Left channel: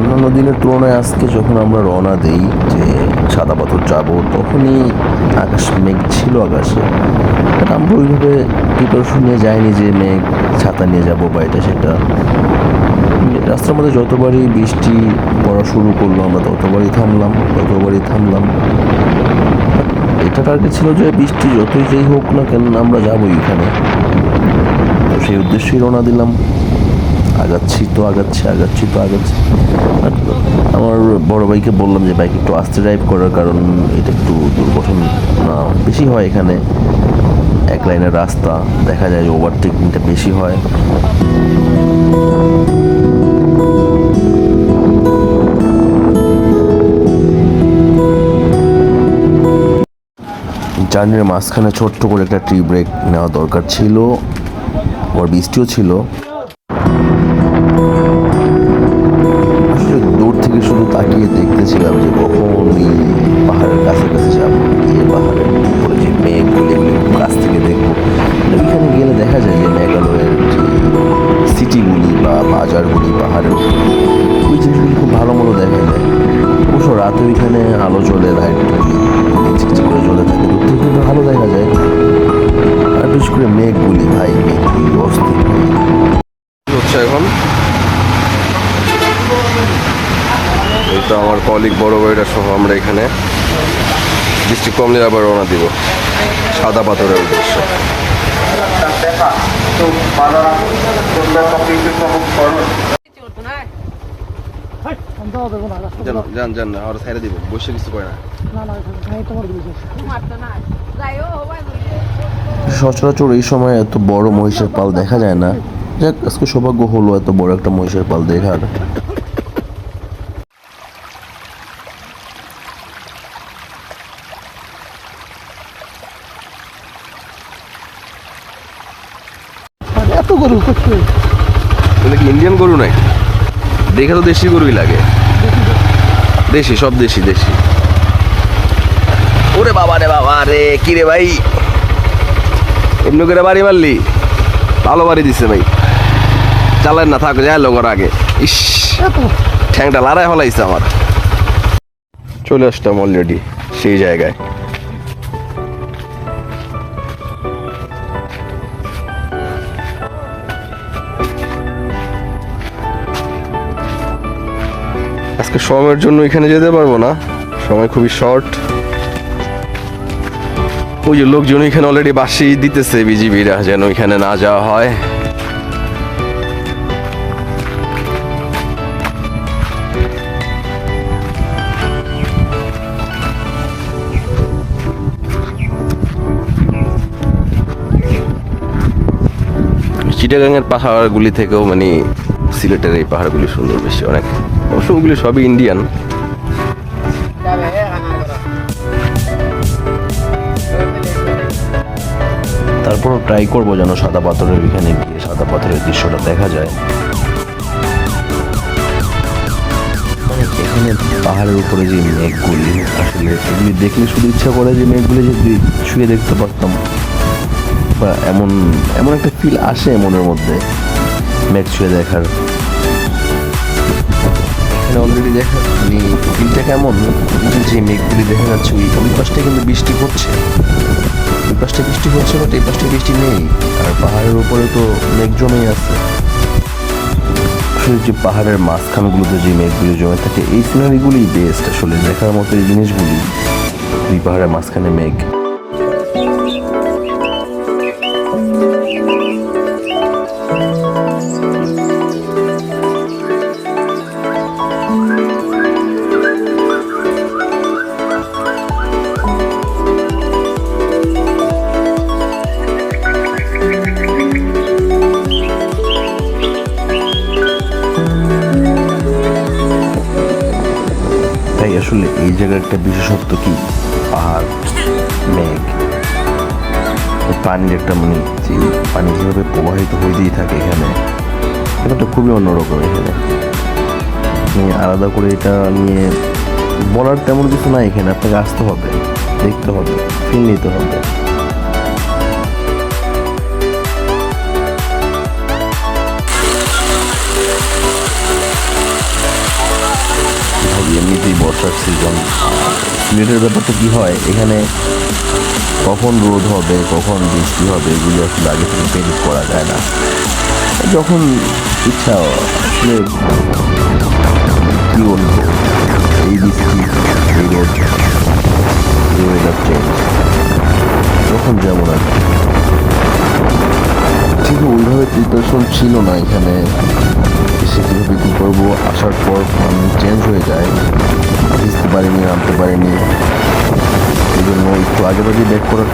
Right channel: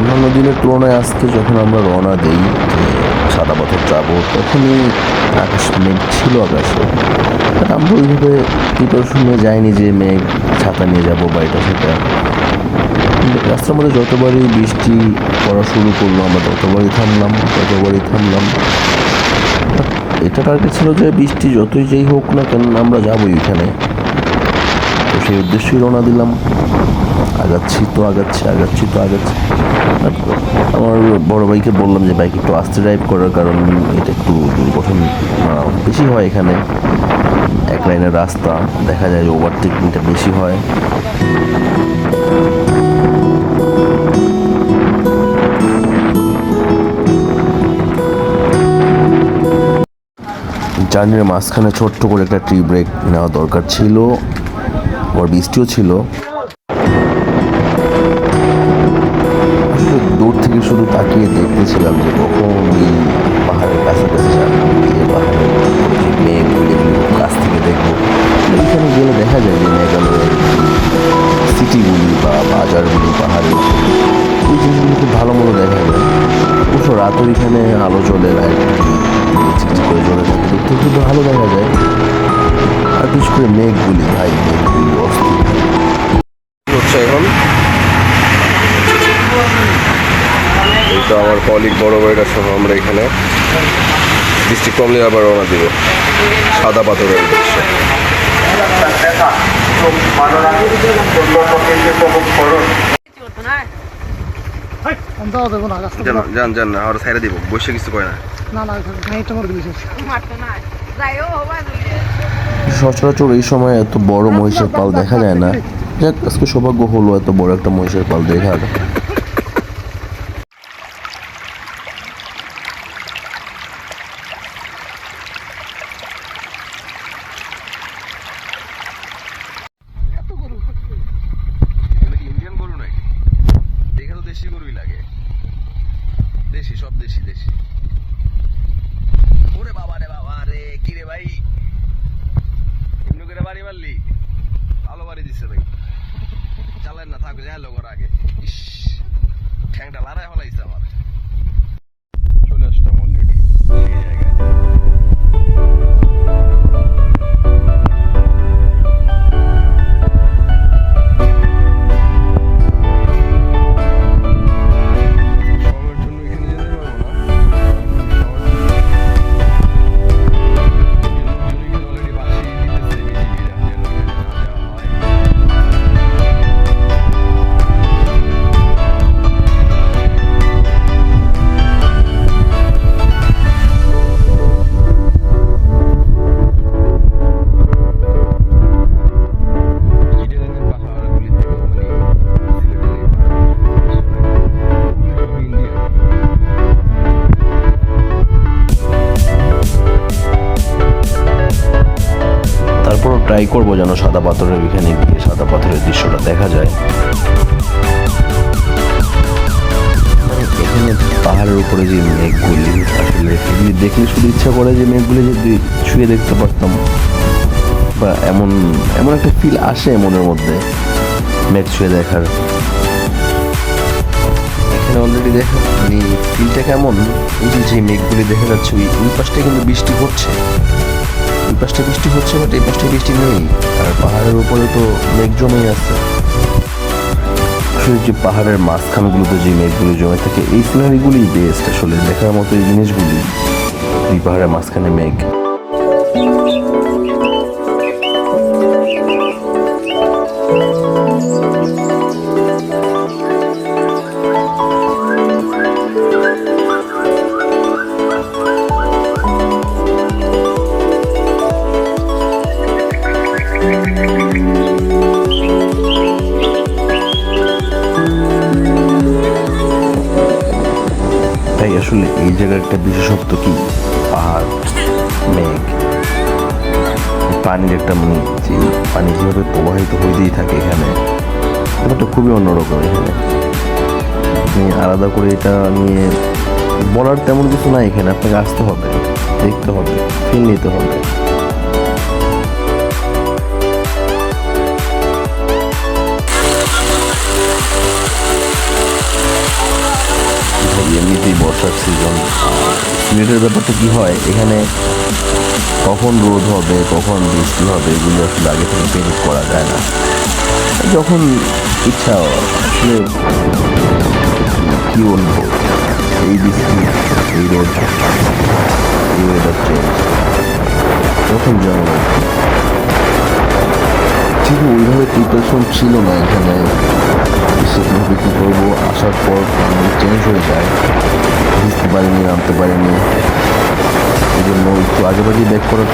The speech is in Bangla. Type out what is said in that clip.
অন্যান্য দিনের তুলনায় আজকে যখন আমরা রওনা দেই যে সাদা পাথর যাবো, তখনই আকাশ মেঘ ছিল আকাশে। বাট আমরা ওইভাবে প্রিপারেশন নিয়ে যাইনি যে মেঘ ছাতা নিয়ে যাবো বা এটা সেটা। রাস্তার মধ্যে যতবারই বৃষ্টি পড়া শুরু করলো আমরা ততবারই থামলাম। বাট এটা টার্গেট ছিল যে বৃষ্টি যতই যেই হোক না কেন আমরা যাবোই এখানে। তো সেই উদ্দেশ্যেই রওনা দিলাম। আগাচ্ছি। আমার বড় ভাইকে বললাম যে বাইক একটু আস্তে ড্রাইভ করার, কারণ এটা একটু দুর্ঘটনা বেশি হয় এখানে। এক লাইনের রাস্তা, দেখা যায় যে ওভারটেকিংটা বেশি হয়। জার্নির মাঝখানে ছোট্ট করে একটা ট্রি ব্রেক নেওয়া দরকার ছিল, আবার বৃষ্টিও ছিল। আসলে দূর থেকে শুধু তাকিয়ে দেখতেছিলাম যে কখন ওই পাহাড়ের কাছাকাছি যাবো, গিয়ে পাহাড়ের উপরে যে মেঘগুলি এগুলি খুব কাছ থেকে দেখবো। ওইখানে গেলে দেখা যায় যে মেঘালয়ের যে সিটিগুলি বা বাজারগুলি পাহাড়ের উপরে, ওই জিনিসগুলি খুব ভালো মতো দেখা যায়। অবশ্য রাতে ওইখানে আলো জ্বলে, লাইটগুলি চিকচিক করে জ্বলে থাকে, দূর থেকে খুব ভালো দেখা যায়। আর বিশেষ করে মেঘগুলি অস্থির হচ্ছে এখন। এই তো আমার কলিগ বড় ভাইরা সহ আমরা এখানে বৃষ্টি কমলে আবার রওনা দিব সাদা পাথরের উদ্দেশ্যে। জান না আর ছাইরা দিব, বসে কিছু কয় না। সচরাচর এই সময় এত বড় মহিষের পাল দেখা যায় না। যাক, আজকে সৌভাগ্য হলো এত বড় একটা মহিষের পাল দেখার। এত গরু ইন্ডিয়ান গরু নাই, দেখে তো দেশি গরুই লাগে। দেশি, সব দেশি। ওরে বাবা রে, কি রে ভাই, এমনি করে বাড়ি মারলি? ভালো বাড়ি দিচ্ছে ভাই, চালেন না, থাকো যায় লোকের আগে। ইস, ঠ্যাংটা লড়াই ফলাইছে আমার। চলে আসতাম অলরেডি সেই জায়গায়। আজকে সময়ের জন্য এখানে যেতে পারবো না, সময় খুবই শর্ট। ওই যে লোকজন এখানে অলরেডি বাসি দিতেছে বিজিবিরা, যেন এখানে না যাওয়া হয়। চিটাগাংয়ের পাহাড়গুলি থেকেও মানে সিলেটের এই পাহাড়গুলি সুন্দর বেশি অনেক। অবশ্য ওগুলি সবই ইন্ডিয়ান। তারপরও ট্রাই করবো যেন সাদা পাথরের এখানে গিয়ে সাদা পাথরের দৃশ্যটা দেখা যায়। মানে এখানে পাহাড়ের উপরে যে মেঘগুলি, আসলে এগুলি দেখলে শুধু ইচ্ছা করে যে মেঘগুলি যদি ছুঁয়ে দেখতে পারতাম, বা এমন একটা ফিল আসে মনের মধ্যে মেঘ ছুঁয়ে দেখার। এখানে অলরেডি দেখা মানে ফিলটা কেমন, যে মেঘগুলি দেখা যাচ্ছে ওই পাশটায় কিন্তু বৃষ্টি হচ্ছে, ওই পাশটায় বৃষ্টি হচ্ছে, বাট এই পাশটায় বৃষ্টি নেই। আর পাহাড়ের উপরে তো মেঘ জমেই আছে। আসলে যে পাহাড়ের মাঝখানগুলোতে যে মেঘগুলি জমে থাকে, এই সিনারিগুলি বেস্ট আসলে দেখার মতো। এই জিনিসগুলি, এই পাহাড়ের মাঝখানে মেঘ। তাই আসলে এই জায়গার একটা বিশেষত্ব কি, পাহাড়, মেঘ, পানির একটা মানে যে পানি যেভাবে প্রবাহিত হইতেই থাকে এখানে, ব্যাপারটা খুবই অন্যরকম। এখানে আলাদা করে এটা নিয়ে বলার তেমন কিছু নাই। এখানে আপনাকে আসতে হবে, দেখতে হবে, ফিল নিতে হবে। বর্ষার সিজন। সিলেটের ব্যাপারটা কী হয়, এখানে কখন রোদ হবে কখন বৃষ্টি হবে এগুলি আসলে আগে থেকে প্রেডিক্ট করা যায় না। যখন ইচ্ছা আসলে কী বলবো, এই বৃষ্টি এই রোদ এই ওয়েদার চেঞ্জ যখন যেমন আর কি। ঠিক ওইভাবে প্রিপারেশন ছিল না এখানে এসে কীভাবে কী করবো। আসার পর প্ল্যান চেঞ্জ হয়ে যায়, ভিজতে পারিনি নামতে পারিনি, এই জন্য একটু আগে ব্যাক করার